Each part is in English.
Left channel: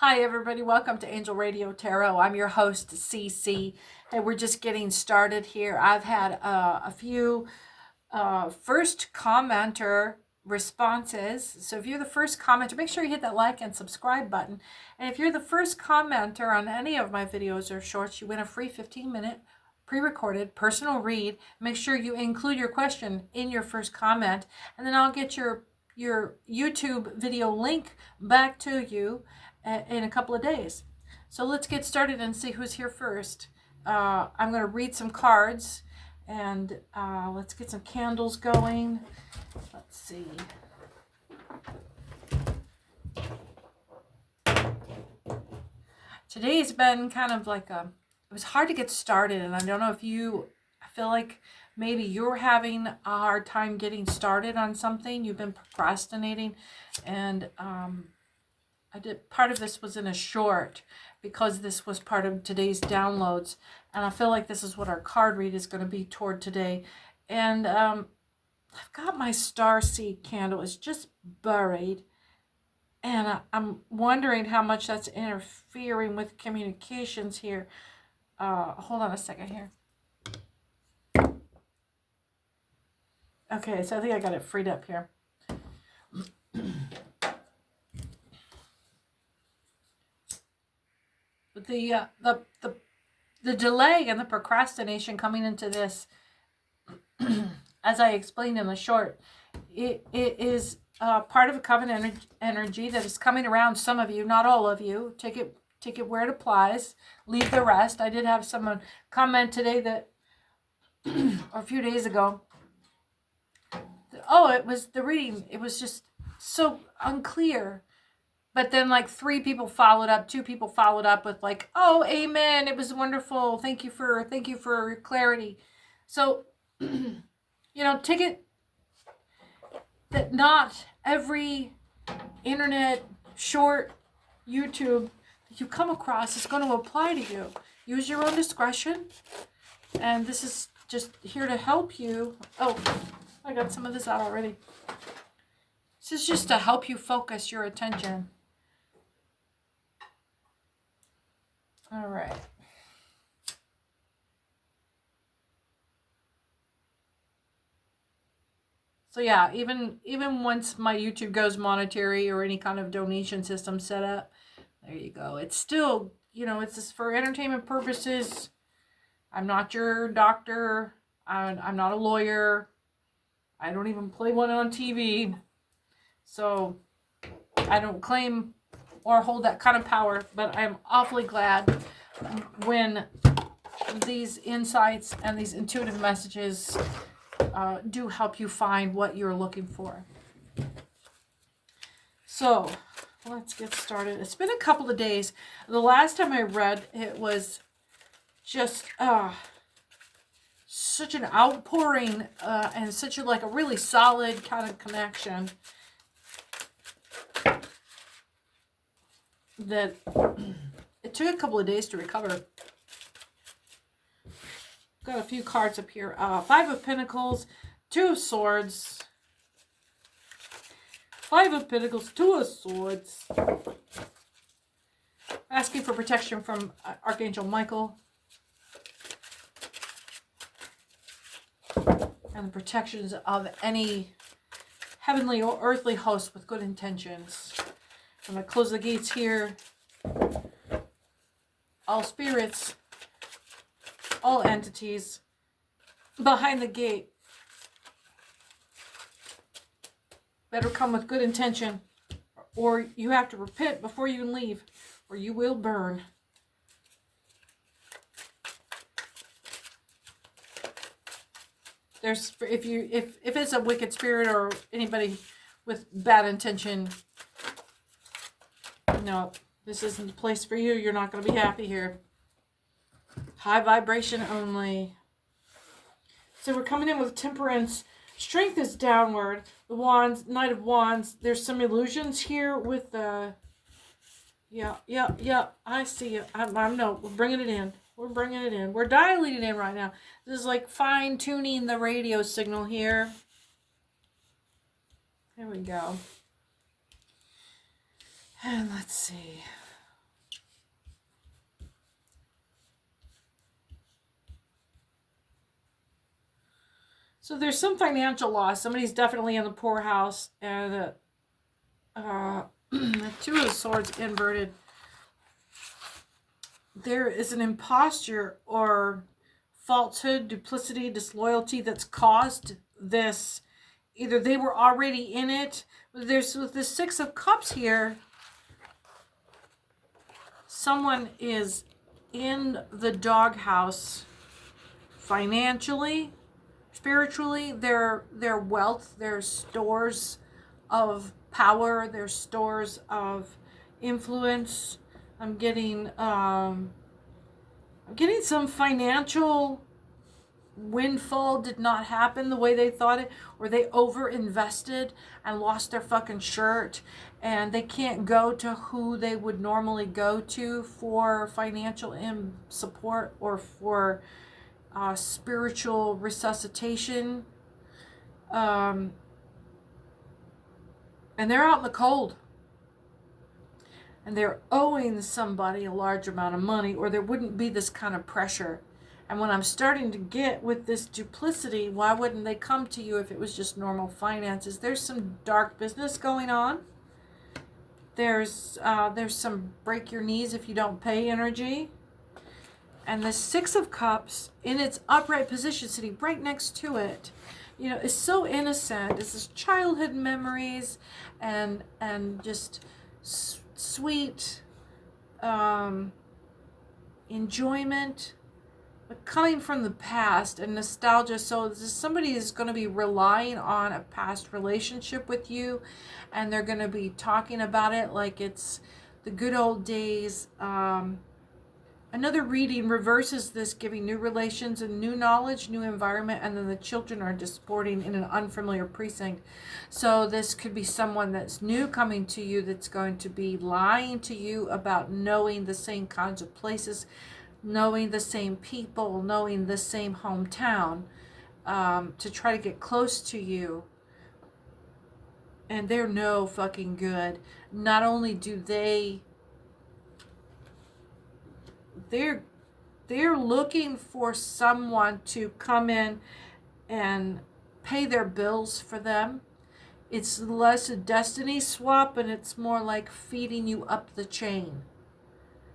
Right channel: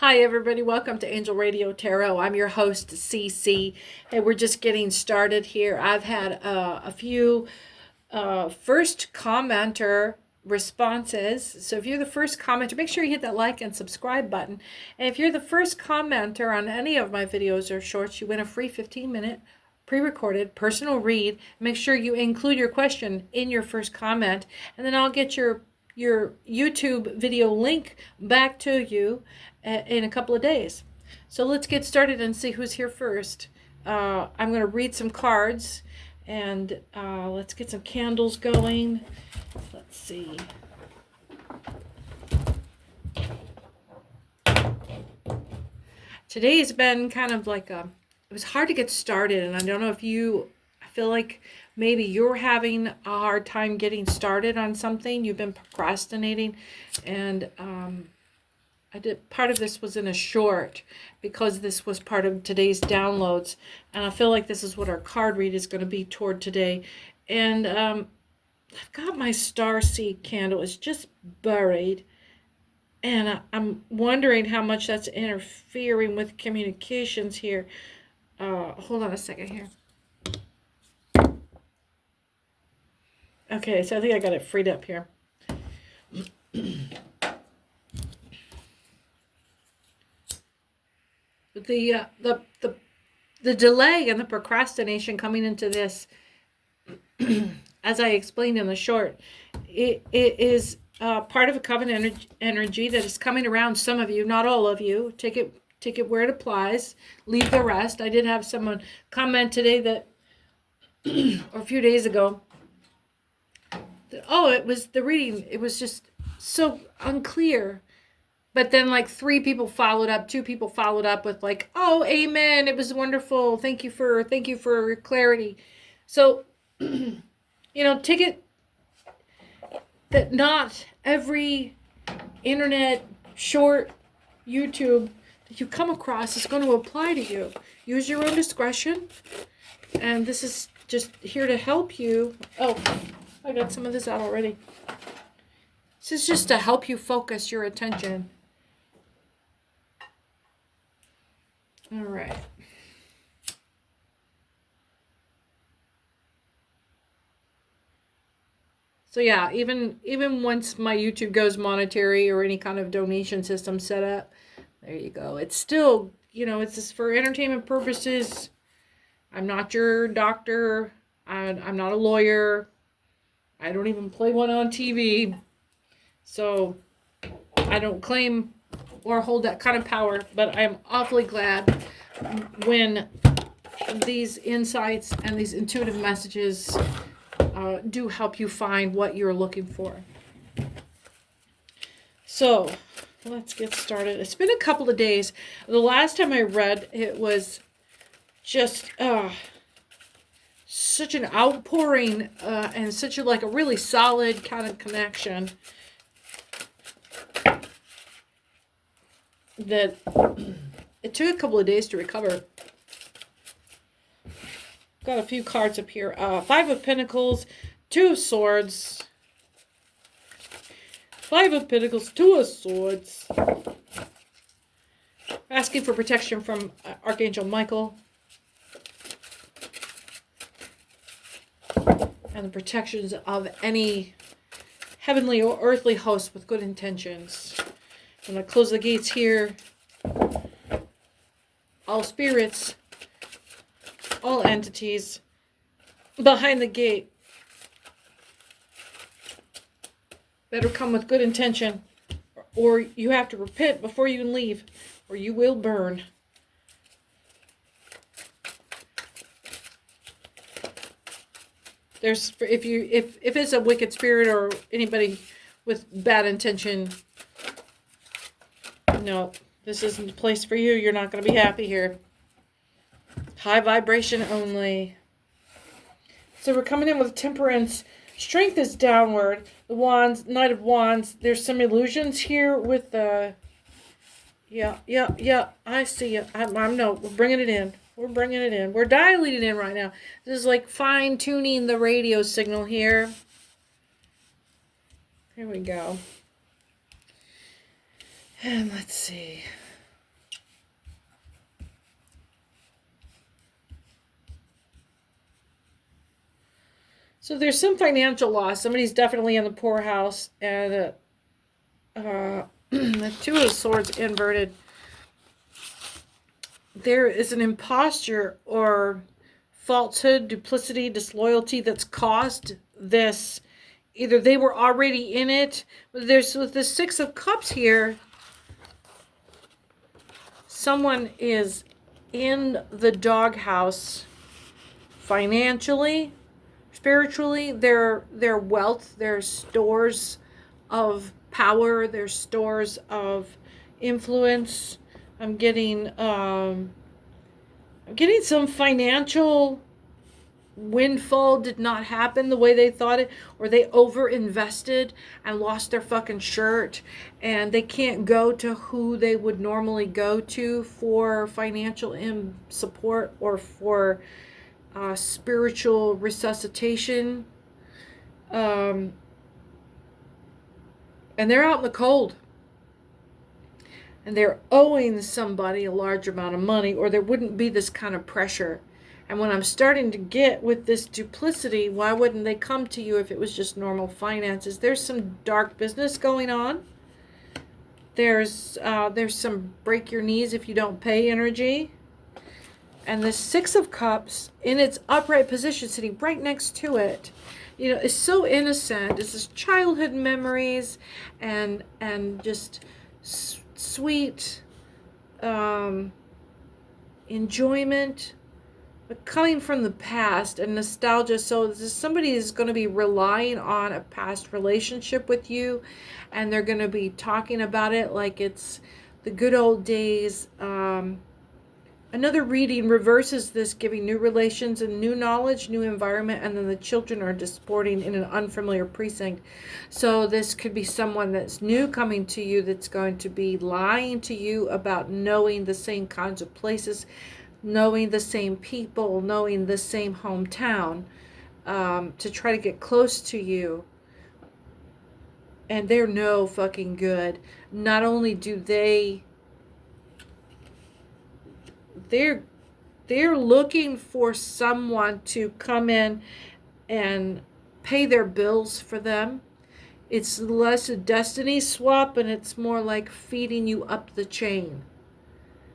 Hi everybody, welcome to Angel Radio Tarot. I'm your host, CC, and we're just getting started here. I've had a few first commenter responses. So if you're the first commenter, make sure you hit that like and subscribe button. And if you're the first commenter on any of my videos or shorts, you win a free 15-minute pre-recorded personal read. Make sure you include your question in your first comment, and then I'll get your YouTube video link back to you in a couple of days. So let's get started and see who's here first. I'm going to read some cards, and let's get some candles going. Let's see. Today's been kind of like it was hard to get started, and I don't know if I feel like maybe you're having a hard time getting started on something. You've been procrastinating, and part of this was in a short because this was part of today's downloads, and I feel like this is what our card read is going to be toward today. And I've got my starseed candle. It's just buried, and I'm wondering how much that's interfering with communications here. Hold on a second here. Okay, so I think I got it freed up here. The delay and the procrastination coming into this, as I explained in the short, it is part of a covenant energy that is coming around some of you, not all of you. Take it where it applies. Leave the rest. I did have someone comment today that, or a few days ago, that, it was the reading. It was just so unclear. But then like 2 people followed up with like, oh, amen, it was wonderful. Thank you for clarity. So, take it that not every internet short YouTube that you come across is going to apply to you. Use your own discretion. And this is just here to help you. Oh, I got some of this out already. This is just to help you focus your attention. All right. So yeah, even once my YouTube goes monetary or any kind of donation system set up, there you go. It's still, it's just for entertainment purposes. I'm not your doctor. I'm not a lawyer. I don't even play one on TV. So I don't claim or hold that kind of power, but I am awfully glad when these insights and these intuitive messages do help you find what you're looking for. So let's get started. It's been a couple of days. The last time I read, it was just such an outpouring and such a really solid kind of connection that it took a couple of days to recover. Got a few cards up here. 5 of Pentacles, 2 of Swords. 5 of Pentacles, 2 of Swords. Asking for protection from Archangel Michael. And the protections of any heavenly or earthly host with good intentions. I'm going to close the gates here. All spirits, all entities behind the gate better come with good intention, or you have to repent before you can leave, or you will burn. There's if it's a wicked spirit or anybody with bad intention, no, this isn't the place for you. You're not going to be happy here. High vibration only. So we're coming in with Temperance. Strength is downward. The Wands, Knight of Wands. There's some illusions here with the... Yeah. I see it. No, we're bringing it in. We're dialing it in right now. This is like fine-tuning the radio signal here. Here we go. And let's see. So there's some financial loss. Somebody's definitely in the poorhouse, and the Two of Swords inverted. There is an imposture or falsehood, duplicity, disloyalty that's caused this. Either they were already in it. There's with the Six of Cups here. Someone is in the doghouse financially, spiritually. Their wealth, their stores of power, their stores of influence. I'm getting some financial windfall did not happen the way they thought it, or they over invested and lost their fucking shirt, and they can't go to who they would normally go to for financial support or for spiritual resuscitation, and they're out in the cold, and they're owing somebody a large amount of money, or there wouldn't be this kind of pressure. And when I'm starting to get with this duplicity, why wouldn't they come to you if it was just normal finances? There's some dark business going on. There's some break your knees if you don't pay energy. And the Six of Cups in its upright position, sitting right next to it, you know, is so innocent. It's just childhood memories and just sweet enjoyment. But coming from the past and nostalgia, so somebody is going to be relying on a past relationship with you, and they're going to be talking about it like it's the good old days. Another reading reverses this, giving new relations and new knowledge, new environment, and then the children are disporting in an unfamiliar precinct. So this could be someone that's new coming to you that's going to be lying to you about knowing the same kinds of places, knowing the same people, knowing the same hometown, to try to get close to you. And they're no fucking good. Not only do they're looking for someone to come in and pay their bills for them. It's less a destiny swap, and it's more like feeding you up the chain.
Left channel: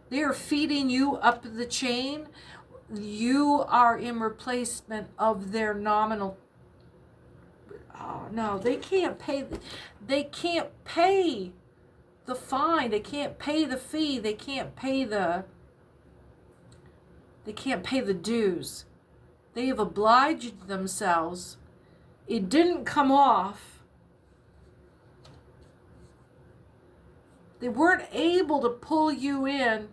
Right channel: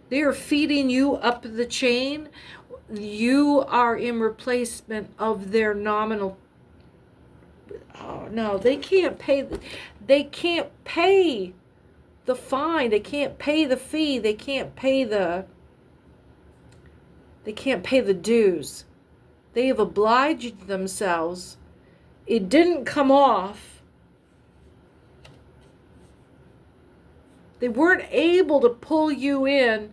They are feeding you up the chain. You are in replacement of their nominal. Oh no, they can't pay. They can't pay the fine. They can't pay the fee. They can't pay the dues. They have obliged themselves. It didn't come off. They weren't able to pull you in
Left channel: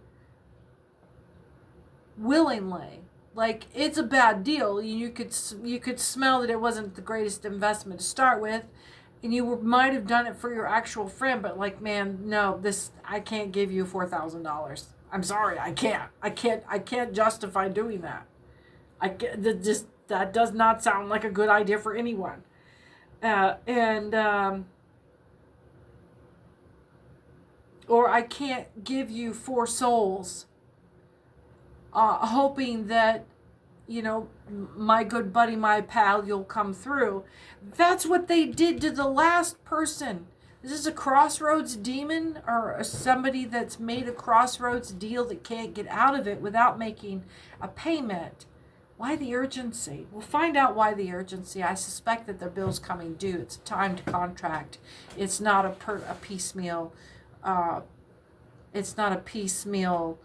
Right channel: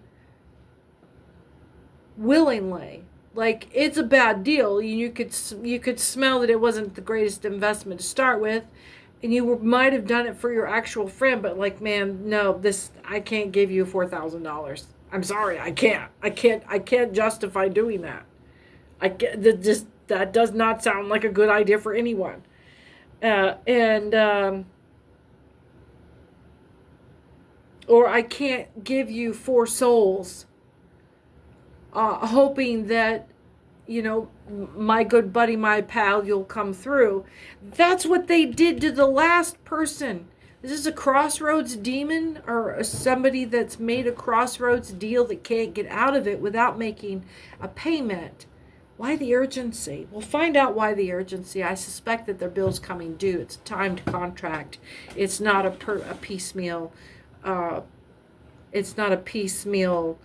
willingly. Like, it's a bad deal. You could smell that it wasn't the greatest investment to start with, and you might have done it for your actual friend, but like, man, no, I can't give you $4,000. I'm sorry, I can't justify doing that. That does not sound like a good idea for anyone. Or I can't give you 4 souls, hoping that, you know, my good buddy, my pal, you'll come through. That's what they did to the last person. This is a crossroads demon, or somebody that's made a crossroads deal that can't get out of it without making a payment. Why the urgency? We'll find out why the urgency. I suspect that their bill's coming due. It's a timed contract. It's not a piecemeal. It's not a piecemeal.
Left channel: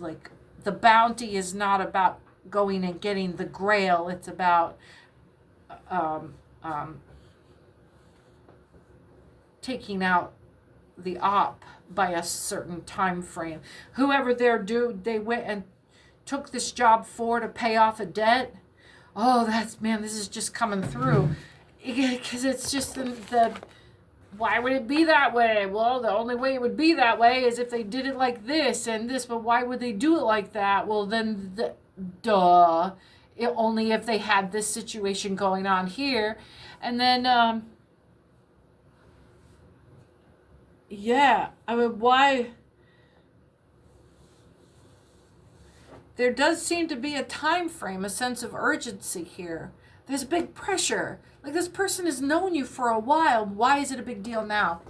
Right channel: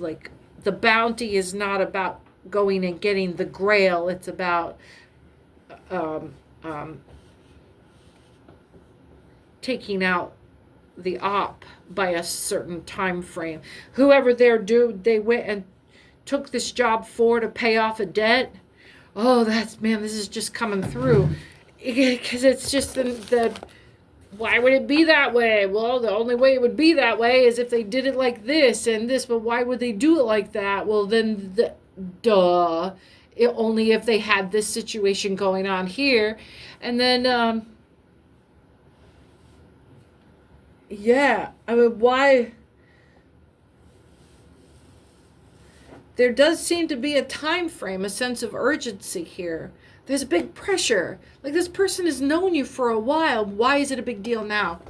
Like, the bounty is not about going and getting the grail. It's about taking out the op by a certain time frame. Whoever they went and took this job to pay off a debt. Oh, this is just coming through. Because it's just why would it be that way? Well, the only way it would be that way is if they did it like this and this, but why would they do it like that? Well, then, only if they had this situation going on here. And then, yeah, I mean, why? There does seem to be a time frame, a sense of urgency here. There's big pressure. Like, this person has known you for a while. Why is it a big deal now?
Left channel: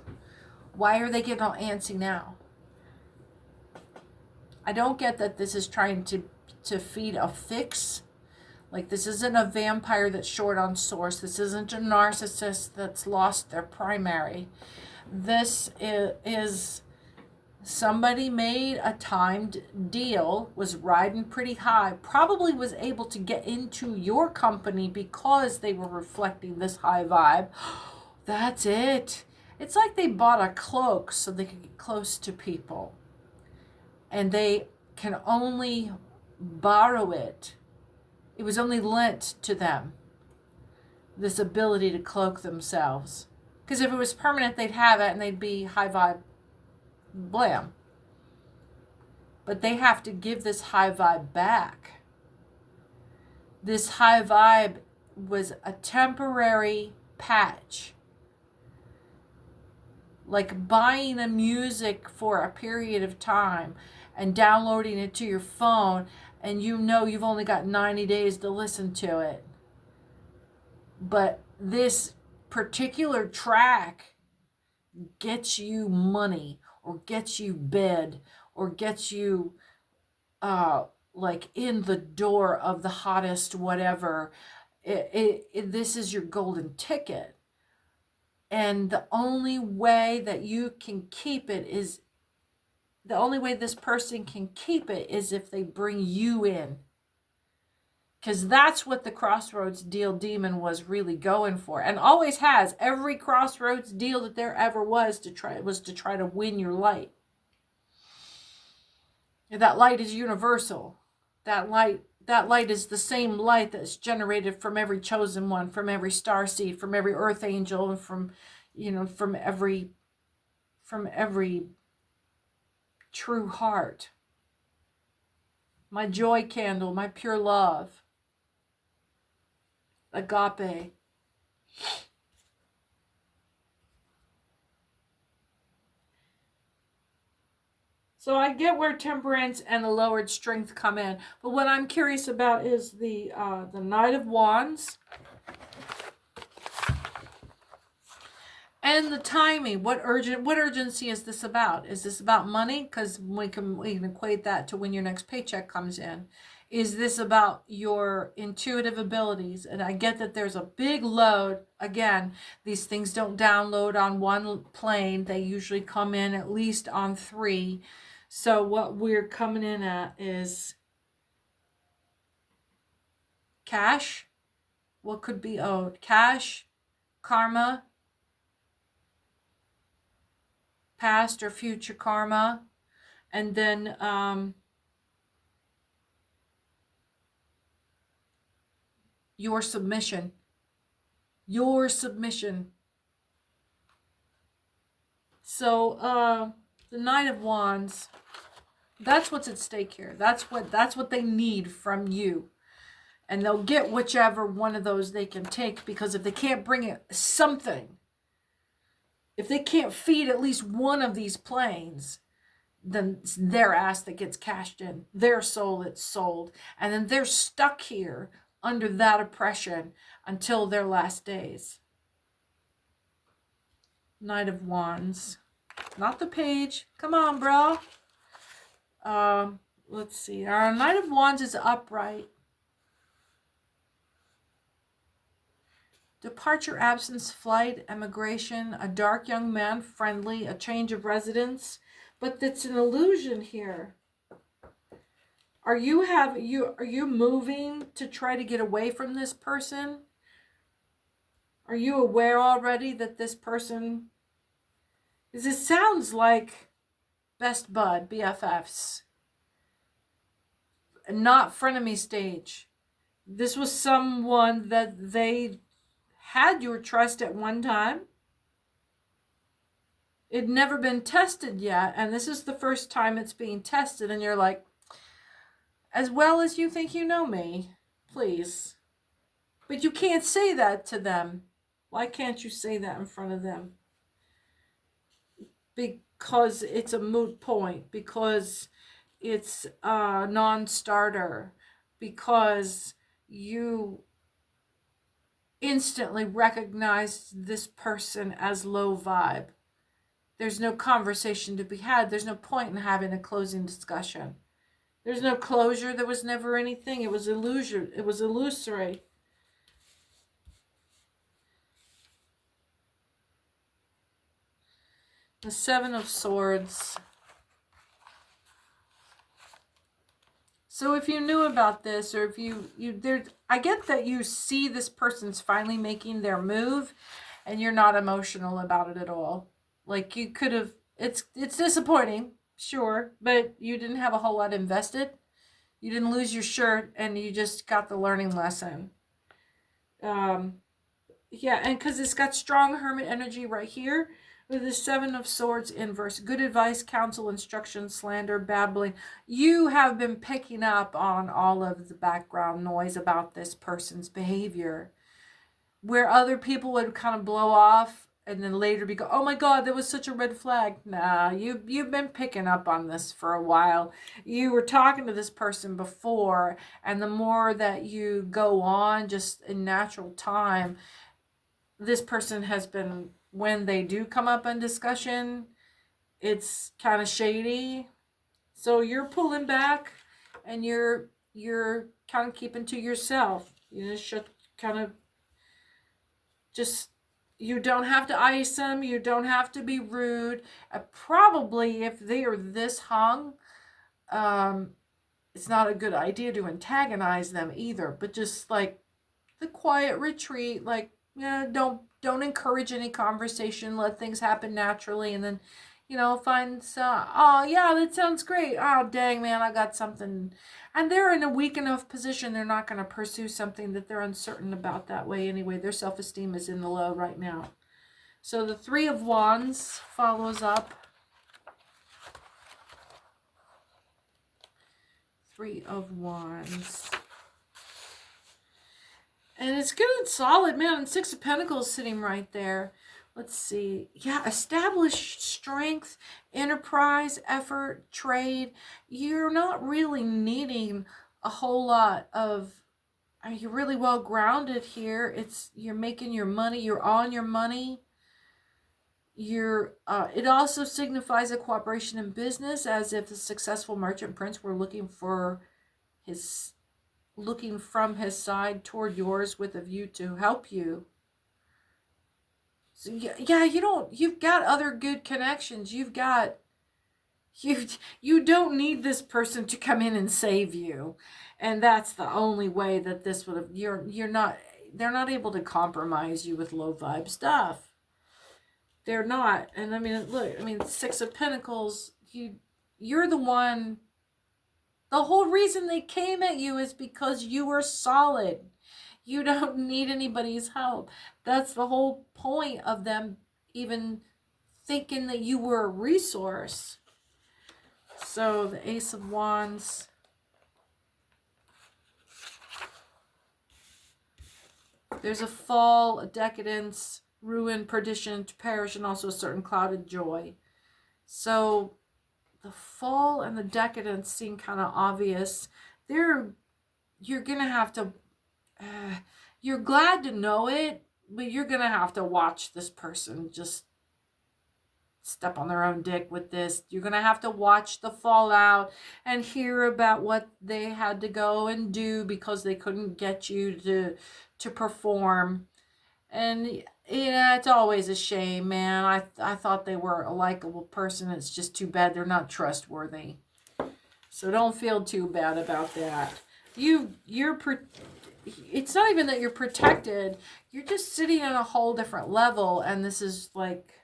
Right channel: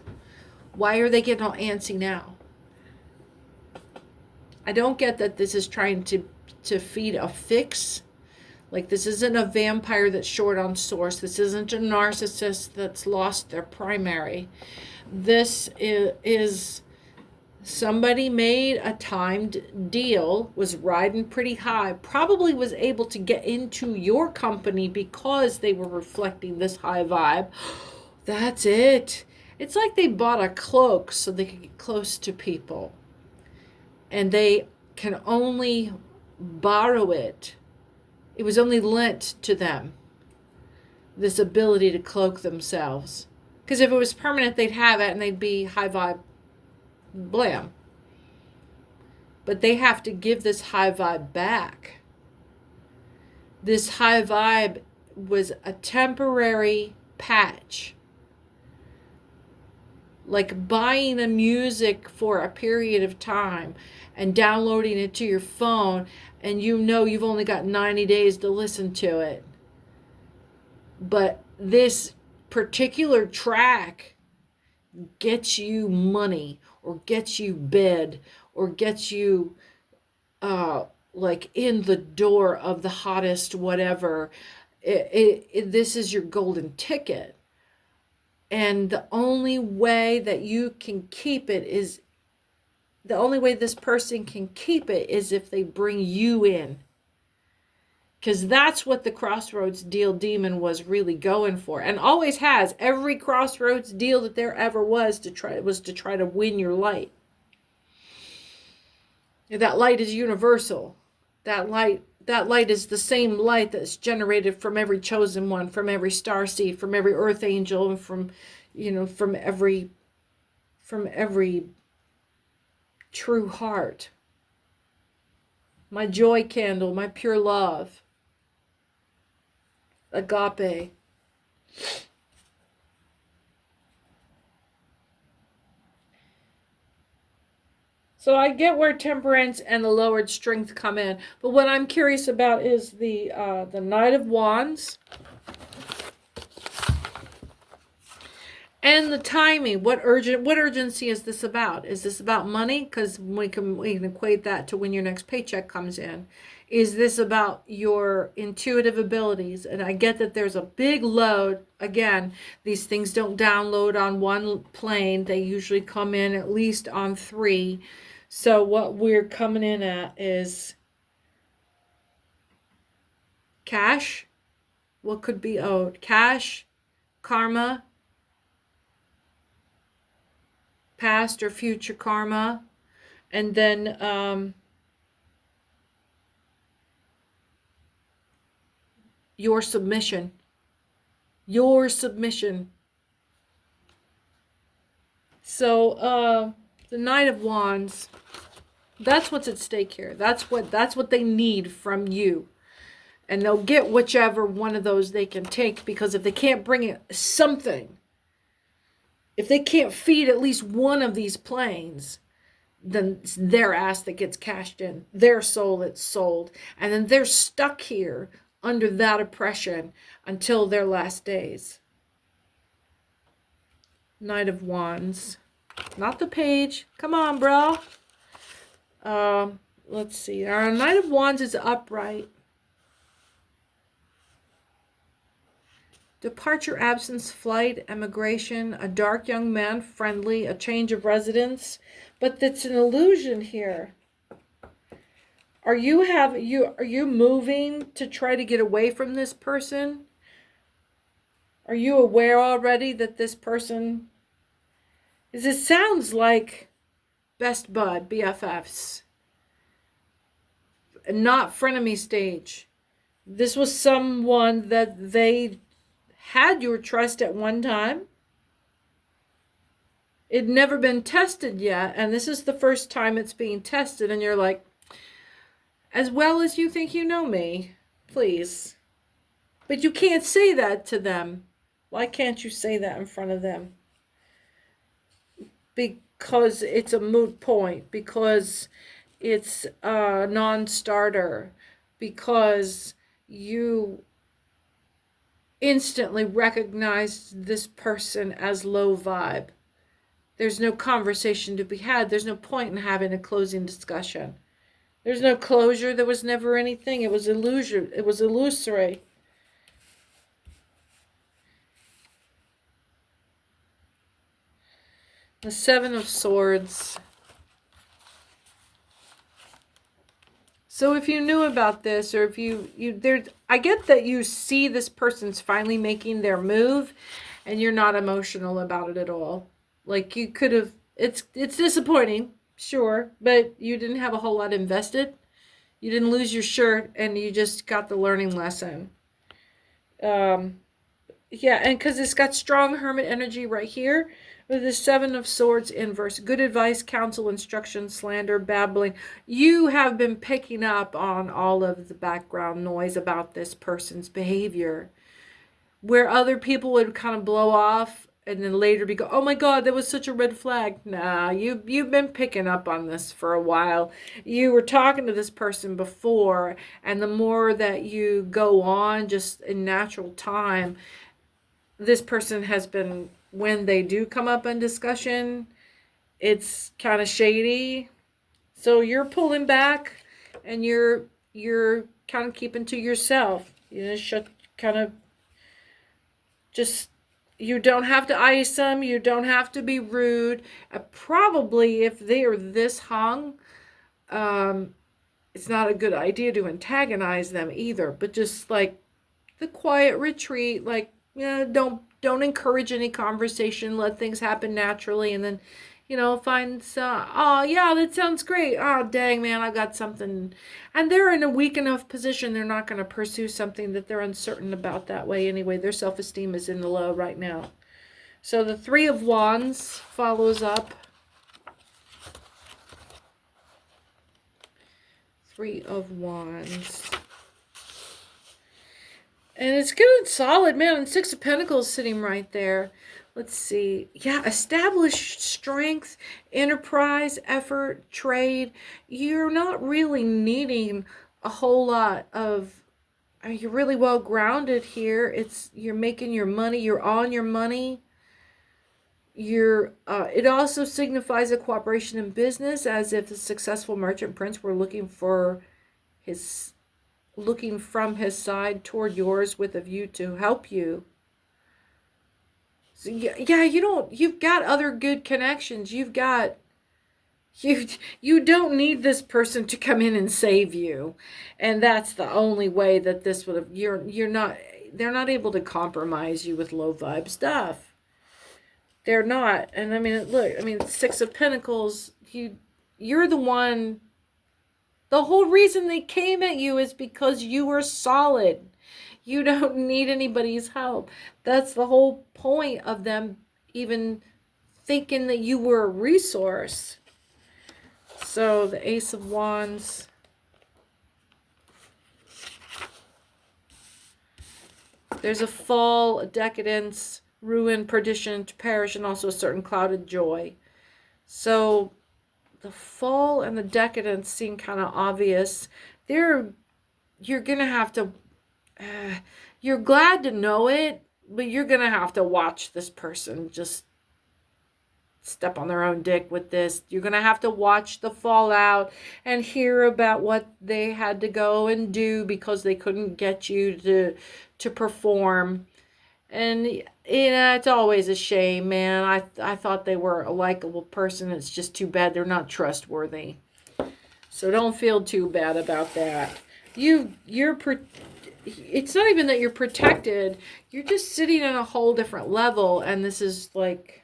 Why are they getting all antsy now? I don't get that this is trying to feed a fix. Like, this isn't a vampire that's short on source. This isn't a narcissist that's lost their primary. This is somebody made a timed deal, was riding pretty high, probably was able to get into your company because they were reflecting this high vibe. That's it. It's like they bought a cloak so they could get close to people. And they can only borrow it. It was only lent to them, this ability to cloak themselves. Because if it was permanent, they'd have it and they'd be high vibe blam. But they have to give this high vibe back. This high vibe was a temporary patch. Like buying a music for a period of time and downloading it to your phone, and you know you've only got 90 days to listen to it. But this particular track gets you money, or gets you bed, or gets you like in the door of the hottest whatever. This is your golden ticket. And the only way that you can keep it is, the only way this person can keep it is if they bring you in. Because that's what the Crossroads deal demon was really going for, and always has. Every Crossroads deal that there ever was to try to win your light. That light is universal. That light is the same light that's generated from every chosen one, from every starseed, from every earth angel, and from every true heart. My joy candle, my pure love. Agape. So I get where temperance and the lowered strength come in, but what I'm curious about is the Knight of Wands and the timing. What urgency is this about? Is this about money? Because we can equate that to when your next paycheck comes in. Is this about your intuitive abilities? And I get that there's a big load. Again, these things don't download on one plane. They usually come in at least on 3. So what we're coming in at is cash. What could be owed? Cash, karma, past or future karma, and then your submission. So the Knight of Wands, that's what's at stake here. That's what they need from you. And they'll get whichever one of those they can take, because if they can't bring it something, if they can't feed at least one of these planes, then it's their ass that gets cashed in, their soul that's sold, and then they're stuck here under that oppression until their last days. Knight of Wands, not the page. Come on, bro. Let's see. Our Knight of Wands is upright. Departure, absence, flight, emigration, a dark young man, friendly, a change of residence. But that's an illusion here. Are you moving to try to get away from this person? Are you aware already that this person is, it sounds like best bud, BFFs. Not frenemy stage. This was someone that they had your trust at one time. It'd never been tested yet, and this is the first time it's being tested, and you're like, as well as you think you know me, please. But you can't say that to them. Why can't you say that in front of them? Because it's a moot point. Because it's a non-starter because you instantly recognized this person as low vibe. There's no conversation to be had. There's no point in having a closing discussion. There's no closure. There was never anything. It was illusion. It was illusory. The Seven of Swords. So if you knew about this, or if I get that you see this person's finally making their move, and you're not emotional about it at all. Like you could have. It's disappointing, sure, but you didn't have a whole lot invested. You didn't lose your shirt, and you just got the learning lesson. Yeah, and because it's got strong hermit energy right here with the Seven of Swords inverse. Good advice, counsel, instruction, slander, babbling. You have been picking up on all of the background noise about this person's behavior, where other people would kind of blow off and then later be go, oh my God, that was such a red flag. Nah, you've been picking up on this for a while. You were talking to this person before, and the more that you go on just in natural time, this person has been, when they do come up in discussion, it's kind of shady. So you're pulling back, and you're kind of keeping to yourself. You know, you don't have to ice them. You don't have to be rude. Probably if they are this hung, it's not a good idea to antagonize them either. But just like the quiet retreat, like, don't encourage any conversation. Let things happen naturally, and then, find, oh yeah, that sounds great. Oh dang man, I got something, and they're in a weak enough position. They're not going to pursue something that they're uncertain about that way anyway. Their self-esteem is in the low right now. So the Three of Wands follows up. Three of Wands. And it's good and solid, man. And Six of Pentacles sitting right there. Let's see. Yeah, established strength, enterprise, effort, trade. You're not really needing a whole lot of... you're really well grounded here. You're making your money. You're on your money. It also signifies a cooperation in business, as if the successful merchant prince were looking from his side toward yours with a view to help you. So yeah, you've got other good connections. You don't need this person to come in and save you. And that's the only way that this would have, they're not able to compromise you with low vibe stuff. They're not. And I mean, look, Six of Pentacles, you're the one. The whole reason they came at you is because you were solid. You don't need anybody's help. That's the whole point of them even thinking that you were a resource. So the Ace of Wands. There's a fall, a decadence, ruin, perdition, to perish, and also a certain clouded joy. So the fall and the decadence seem kind of obvious. You're gonna have to, you're glad to know it, but you're gonna have to watch this person just step on their own dick with this. You're gonna have to watch the fallout and hear about what they had to go and do because they couldn't get you to perform. And it's always a shame, man. I thought they were a likable person. It's just too bad they're not trustworthy. So don't feel too bad about that. It's not even that you're protected. You're just sitting on a whole different level, and this is like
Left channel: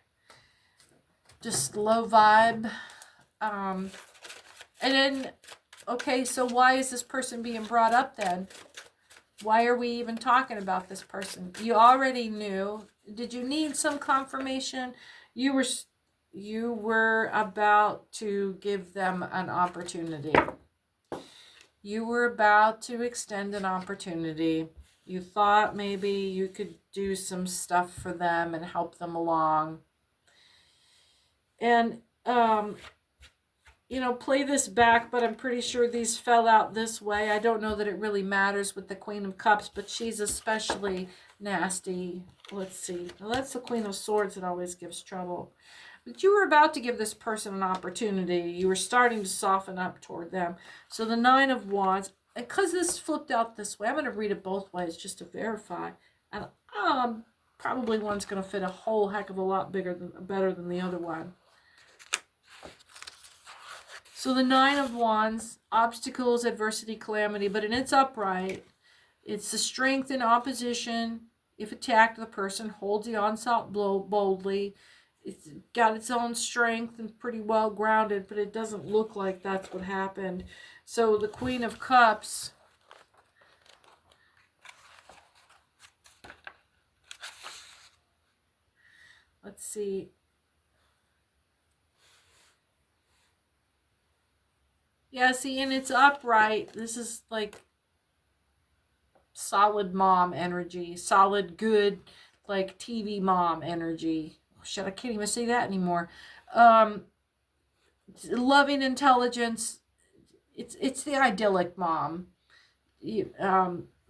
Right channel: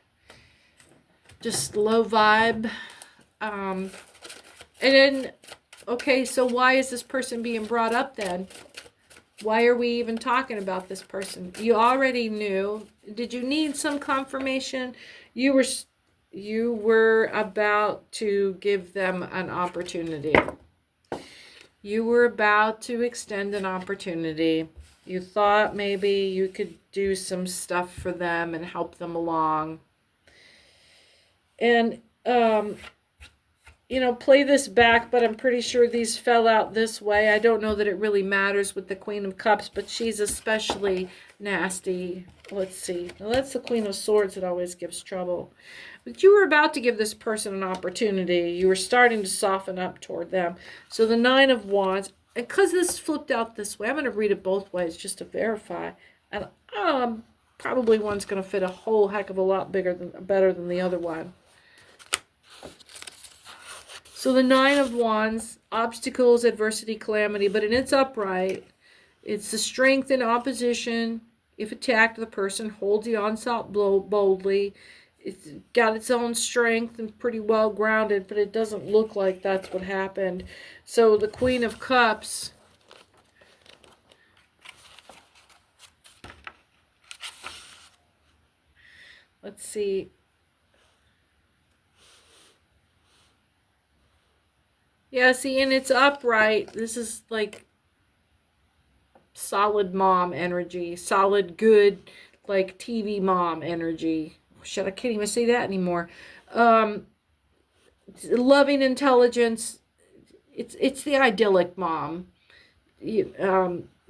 just low vibe. And then, okay, so why is this person being brought up then? Why are we even talking about this person? You already knew. Did you need some confirmation? You were about to give them an opportunity. You were about to extend an opportunity. You thought maybe you could do some stuff for them and help them along. And you know, play this back, but I'm pretty sure these fell out this way. I don't know that it really matters with the Queen of Cups, but she's especially nasty. Let's see. Well, that's the Queen of Swords that always gives trouble. But you were about to give this person an opportunity. You were starting to soften up toward them. So the Nine of Wands, because this flipped out this way, I'm going to read it both ways just to verify. And probably one's going to fit a whole heck of a lot better than the other one. So the Nine of Wands, obstacles, adversity, calamity, but in its upright, it's the strength in opposition. If attacked, the person holds the onslaught blow boldly. It's got its own strength and pretty well grounded, but it doesn't look like that's what happened. So the Queen of Cups, let's see. Yeah, see, and it's upright. This is like solid mom energy, solid good, like TV mom energy. Shit, I can't even say that anymore. Loving intelligence. It's the idyllic mom.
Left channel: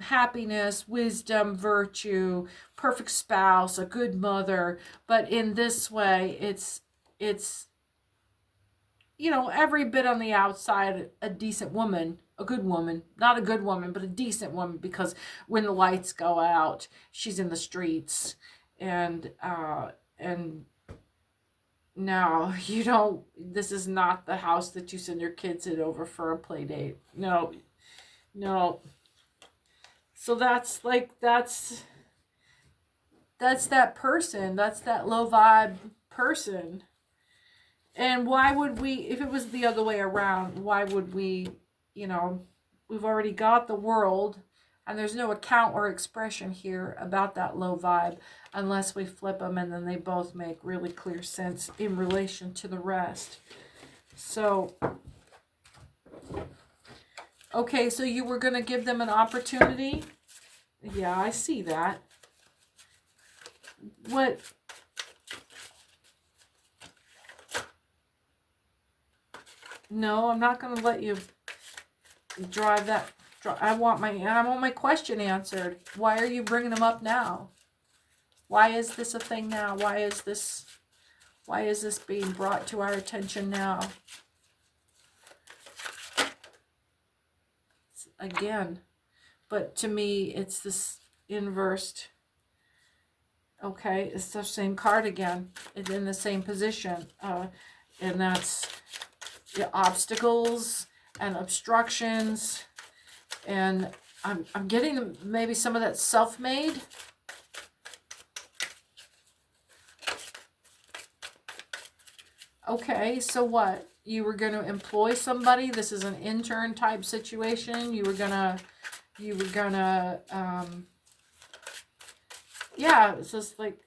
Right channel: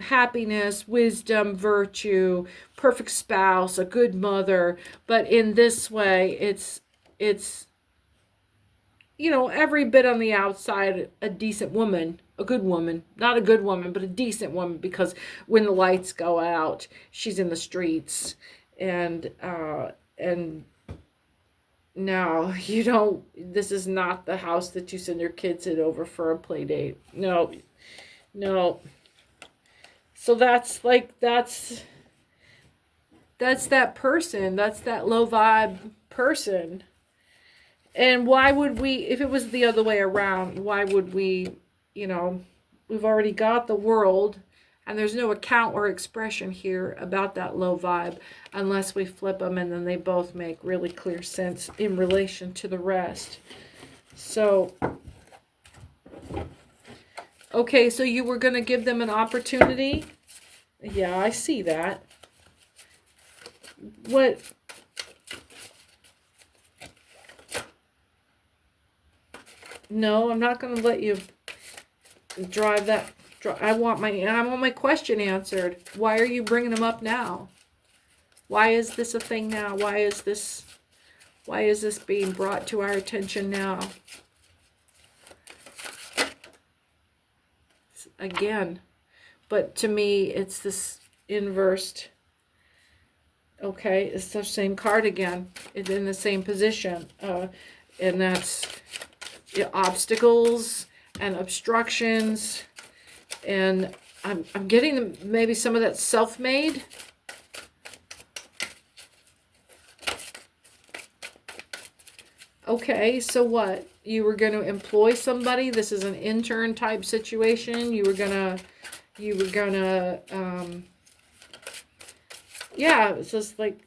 Happiness, wisdom, virtue, perfect spouse, a good mother. But in this way, it's you know, every bit on the outside, a decent woman, a good woman, not a good woman, but a decent woman, because when the lights go out, she's in the streets. And no, you don't, this is not the house that you send your kids in over for a play date. No, no. So that's like, that's that person, that's that low vibe person. And why would we, if it was the other way around, why would we, you know, we've already got the World, and there's no account or expression here about that low vibe unless we flip them, and then they both make really clear sense in relation to the rest. So, okay, so you were going to give them an opportunity? Yeah, I see that. What? No, I'm not going to let you drive that. I want my question answered. Why are you bringing them up now? Why is this a thing now? Why is this being brought to our attention now? Again, but to me, it's this inversed. Okay, it's the same card again. It's in the same position. And that's obstacles and obstructions, and I'm getting maybe some of that self-made. Okay, so what? You were going to employ somebody. This is an intern type situation. You were gonna yeah, it's just like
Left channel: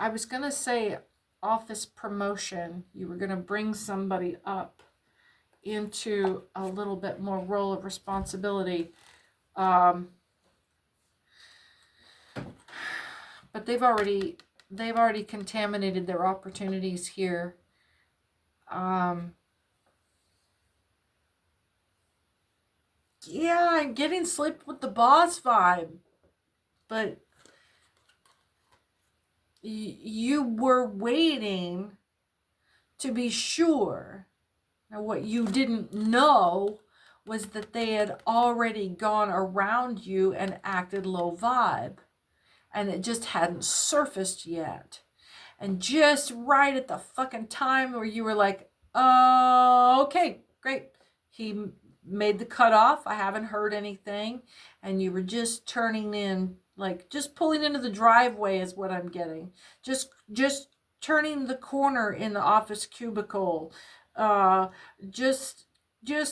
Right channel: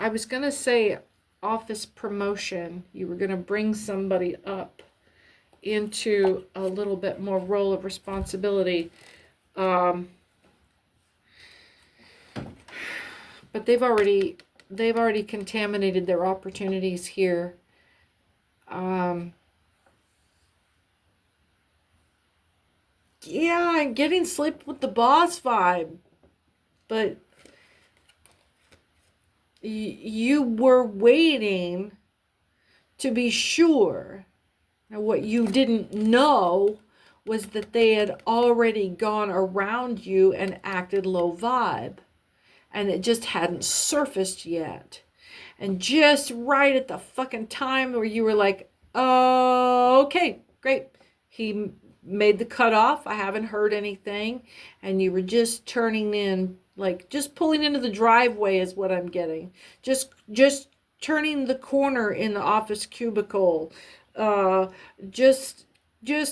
I was gonna say office promotion. You were going to bring somebody up into a little bit more role of responsibility. But they've already contaminated their opportunities here. Yeah, I'm getting sleep with the boss vibe, but you were waiting to be sure. Now, what you didn't know was that they had already gone around you and acted low vibe, and it just hadn't surfaced yet. And just right at the fucking time where you were like, oh, okay, great. He made the cutoff. I haven't heard anything. And you were just turning in, like just pulling into the driveway is what I'm getting. Just turning the corner in the office cubicle. Just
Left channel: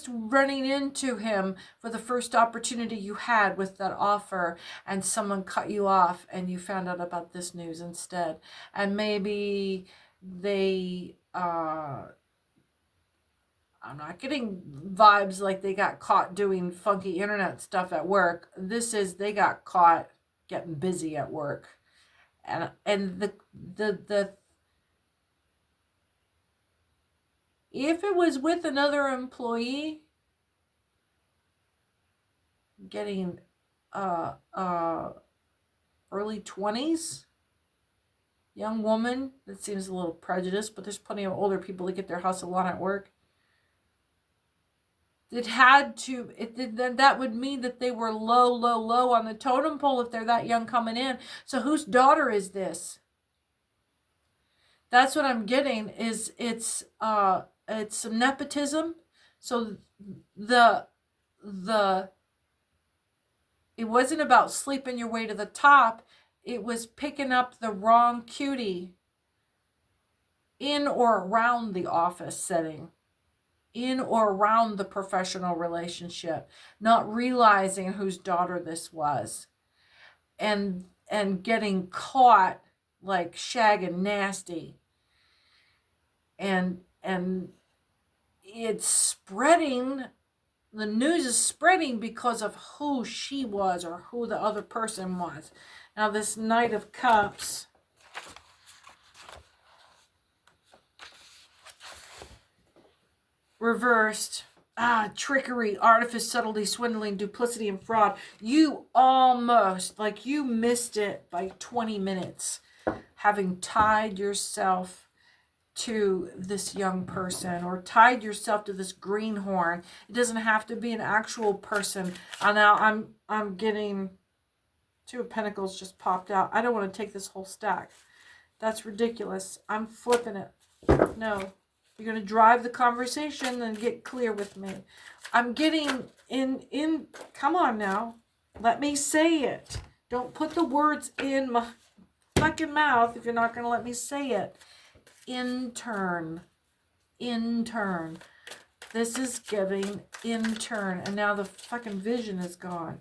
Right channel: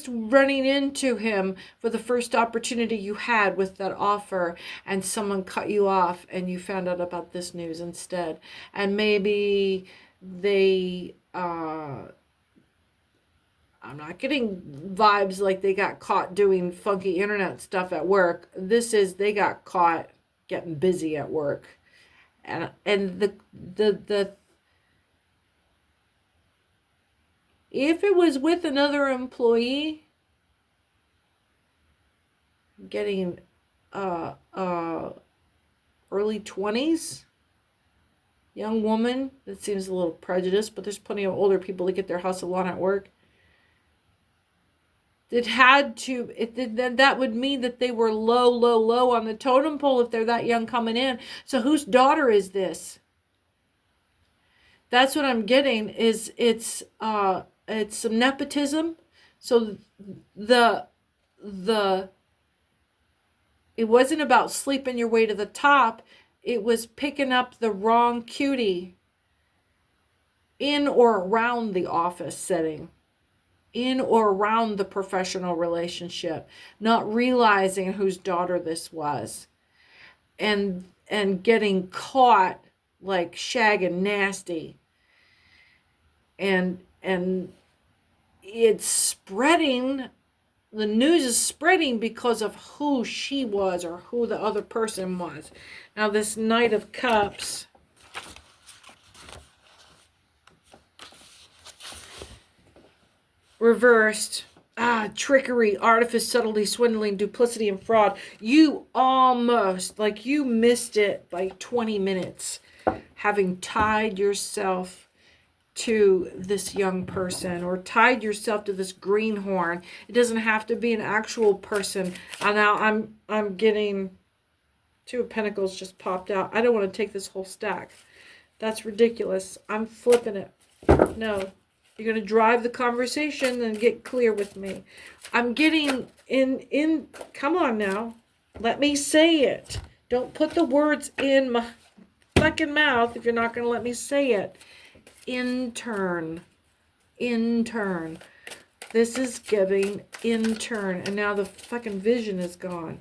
running into him for the first opportunity you had with that offer, and someone cut you off and you found out about this news instead. And maybe they I'm not getting vibes like they got caught doing funky internet stuff at work. This is, they got caught getting busy at work. And the If it was with another employee, getting early 20s, young woman, that seems a little prejudiced, but there's plenty of older people that get their hustle on at work. That would mean that they were low on the totem pole if they're that young coming in. So whose daughter is this? That's what I'm getting, is it's some nepotism. So it wasn't about sleeping your way to the top. It was picking up the wrong cutie in or around the office setting, in or around the professional relationship, not realizing whose daughter this was, and getting caught like shagging nasty. And it's spreading. The news is spreading because of who she was or who the other person was. Now this Knight of Cups, reversed, trickery, artifice, subtlety, swindling, duplicity, and fraud. You almost, like you missed it by 20 minutes, having tied yourself to this young person or tied yourself to this greenhorn. It doesn't have to be an actual person. And now I'm getting Two of Pentacles just popped out. I don't want to take this whole stack. That's ridiculous. I'm flipping it. No. You're going to drive the conversation and get clear with me. I'm getting in come on now. Let me say it. Don't put the words in my fucking mouth if you're not going to let me say it. Intern. This is giving intern. And now the fucking vision is gone.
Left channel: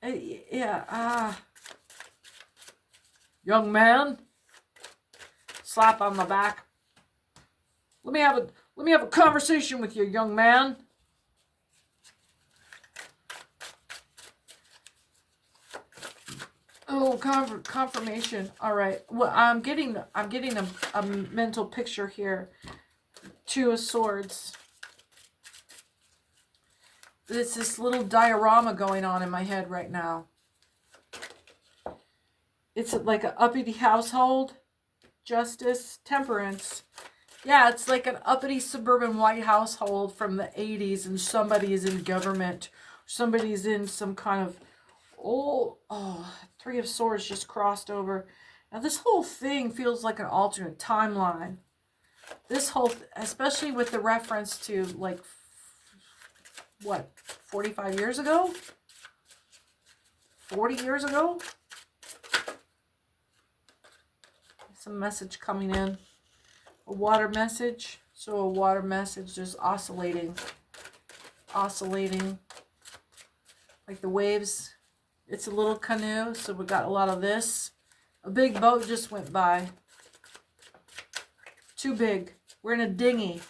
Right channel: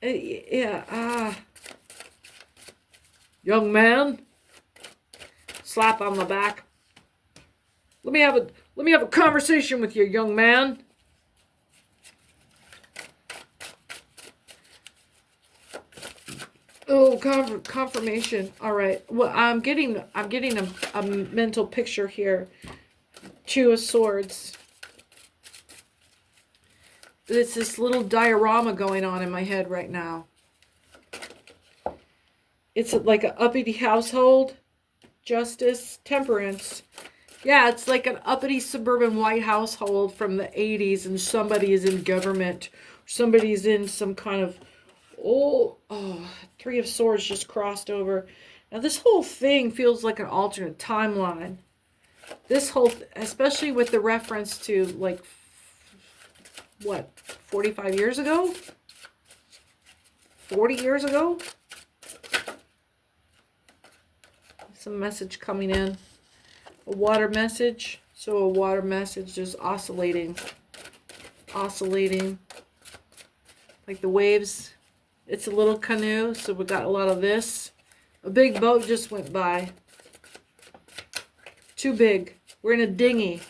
Yeah, young man, slap on the back. Let me have a conversation with you, young man. Oh, confirmation. All right. Well, I'm getting a mental picture here. Two of Swords. There's this little diorama going on in my head right now. It's like an uppity household. Justice, temperance. Yeah, it's like an uppity suburban white household from the 80s, and somebody is in government. Somebody's in some kind of Three of Swords just crossed over. Now this whole thing feels like an alternate timeline. This whole, especially with the reference to like, what, 45 years ago? 40 years ago? Some message coming in. A water message. So a water message just oscillating. Like the waves. It's a little canoe, so we got a lot of this. A big boat just went by. Too big. We're in a dinghy.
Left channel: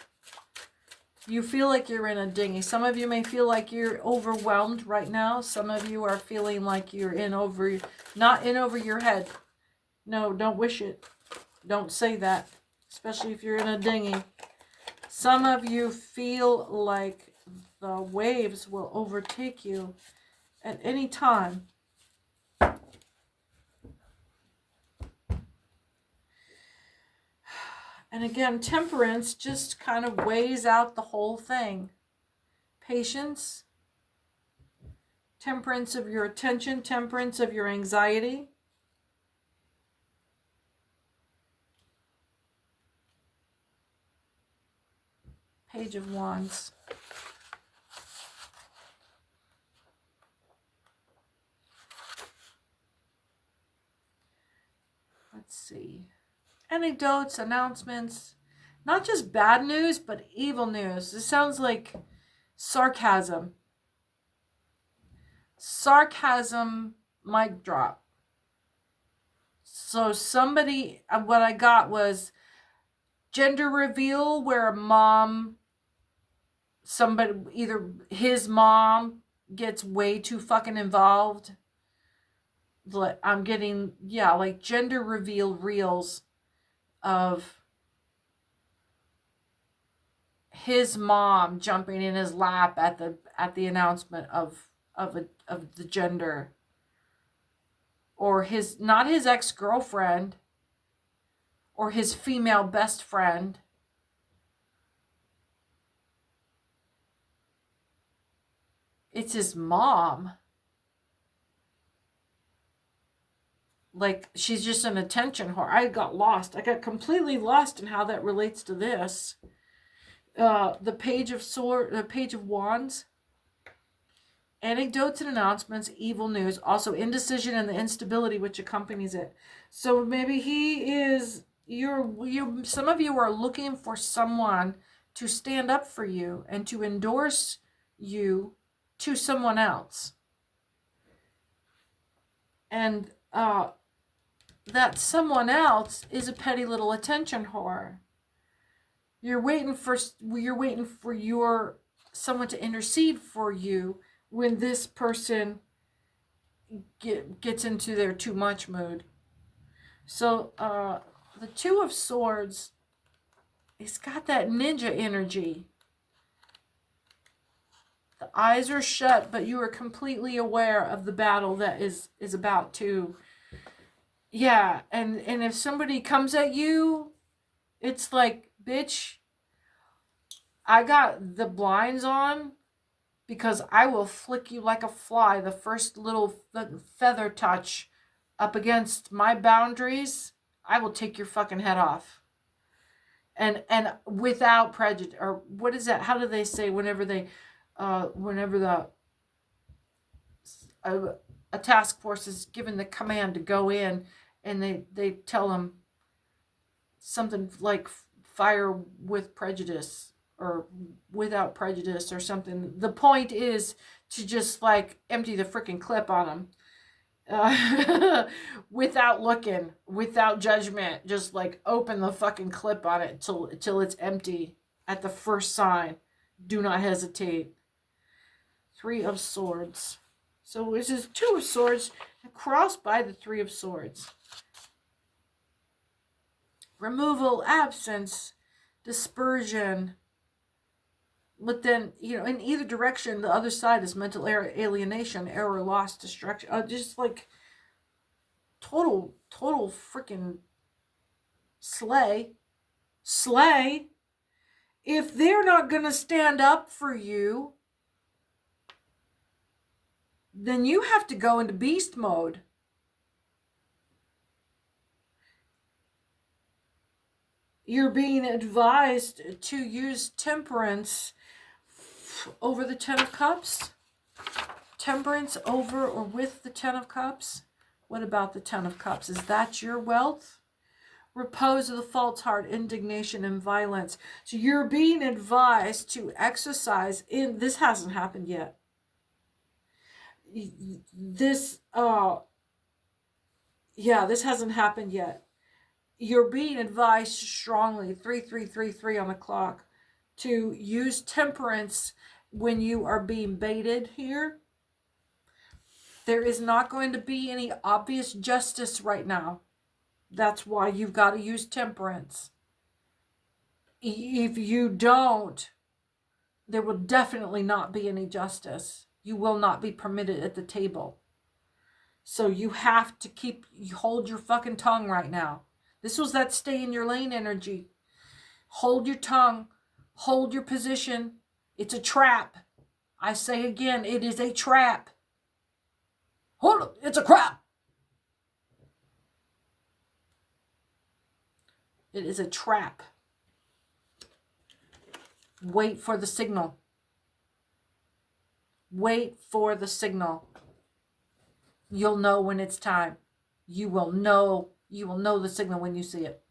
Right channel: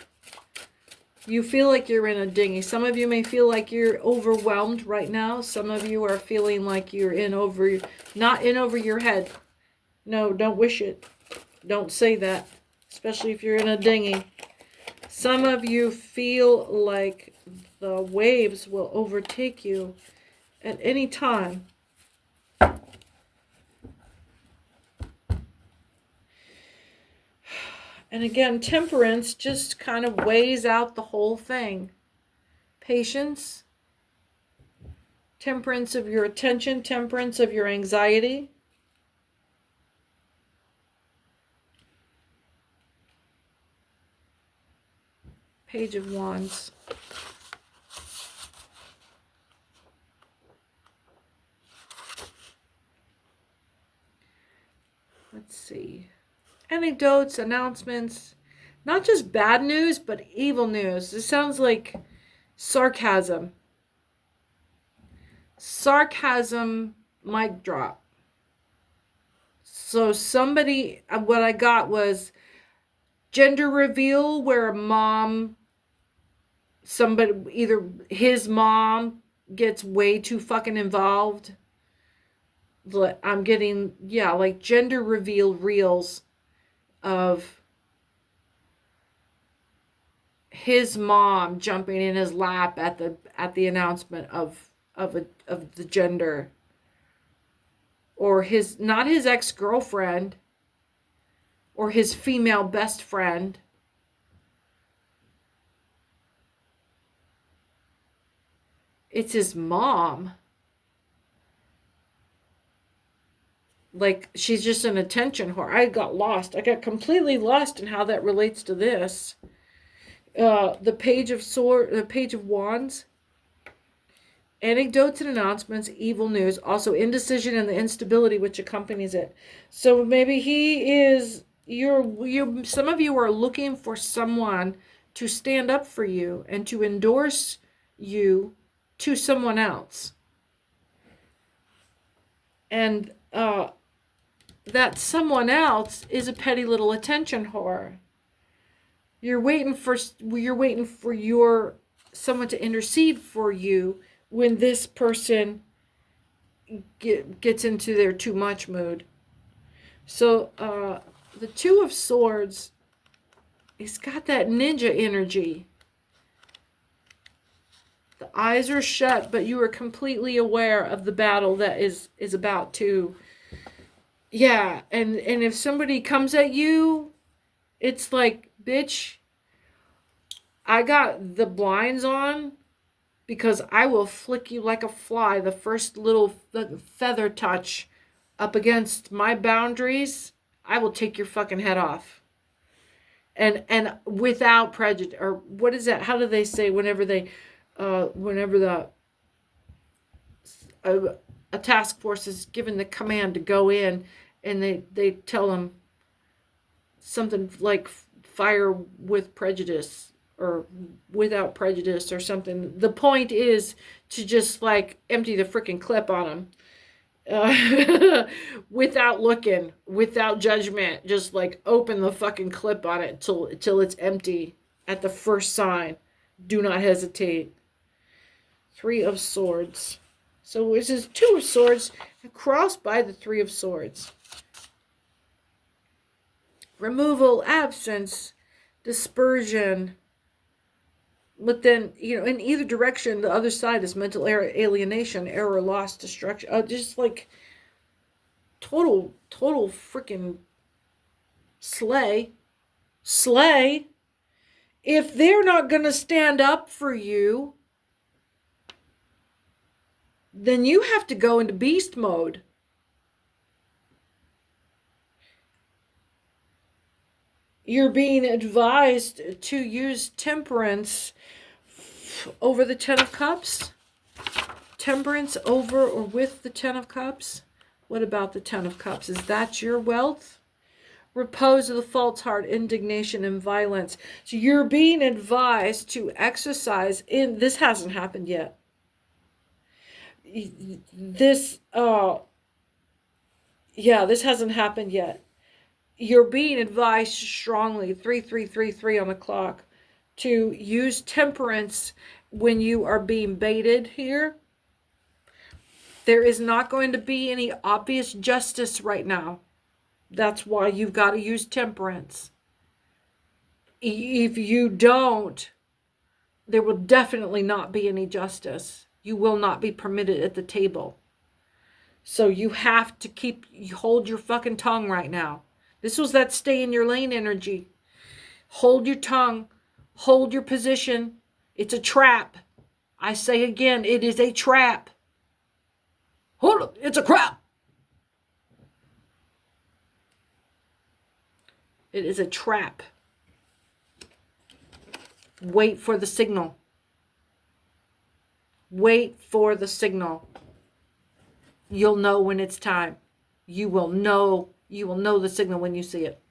You feel like you're in a dinghy. Some of you may feel like you're overwhelmed right now. Some of you are feeling like you're not in over your head. No, don't wish it. Don't say that, especially if you're in a dinghy. Some of you feel like the waves will overtake you at any time. And again, temperance just kind of weighs out the whole thing. Patience. Temperance of your attention. Temperance of your anxiety. Page of Wands. Let's see. Anecdotes, announcements. Not just bad news, but evil news. This sounds like sarcasm. Sarcasm mic drop. So somebody, what I got was gender reveal where either his mom gets way too fucking involved. I'm getting, yeah, like gender reveal reels of his mom jumping in his lap at the announcement of the gender, or his, not his ex-girlfriend or his female best friend. It's his mom. Like, she's just an attention whore. I got lost. I got completely lost in how that relates to this. The page of wands. Anecdotes and announcements, evil news, also indecision and the instability which accompanies it. So maybe he is, some of you are looking for someone to stand up for you and to endorse you to someone else. And that someone else is a petty little attention whore. You're waiting for someone to intercede for you when this person gets into their too much mood. So the Two of Swords, it's got that ninja energy. The eyes are shut, but you are completely aware of the battle that is about to. Yeah, and if somebody comes at you, it's like, bitch, I got the blinds on, because I will flick you like a fly. The first little feather touch up against my boundaries, I will take your fucking head off. And without prejudice, or what is that? How do they say whenever a task force is given the command to go in, and they tell them something like fire with prejudice, or without prejudice, or something. The point is to just like empty the freaking clip on them, without looking, without judgment. Just like open the fucking clip on it till it's empty at the first sign. Do not hesitate. Three of Swords. So this is Two of Swords crossed by the Three of Swords. Removal, absence, dispersion. But then, in either direction, the other side is mental alienation, error, loss, destruction. Just like total freaking slay. If they're not going to stand up for you, then you have to go into beast mode. You're being advised to use temperance over the Ten of Cups. Temperance over or with the Ten of Cups. What about the Ten of Cups? Is that your wealth? Repose of the false heart, indignation, and violence. So you're being advised to exercise in, this hasn't happened yet. This hasn't happened yet. You're being advised strongly, 3333 on the clock, to use temperance when you are being baited here. There is not going to be any obvious justice right now. That's why you've got to use temperance. If you don't, there will definitely not be any justice. You will not be permitted at the table. So you have to hold your fucking tongue right now. This was that stay in your lane energy. Hold your tongue. Hold your position. It's a trap. I say again, it is a trap. Hold up, it's a trap. It is a trap. Wait for the signal. Wait for the signal. You'll know when it's time. You will know the signal when you see it.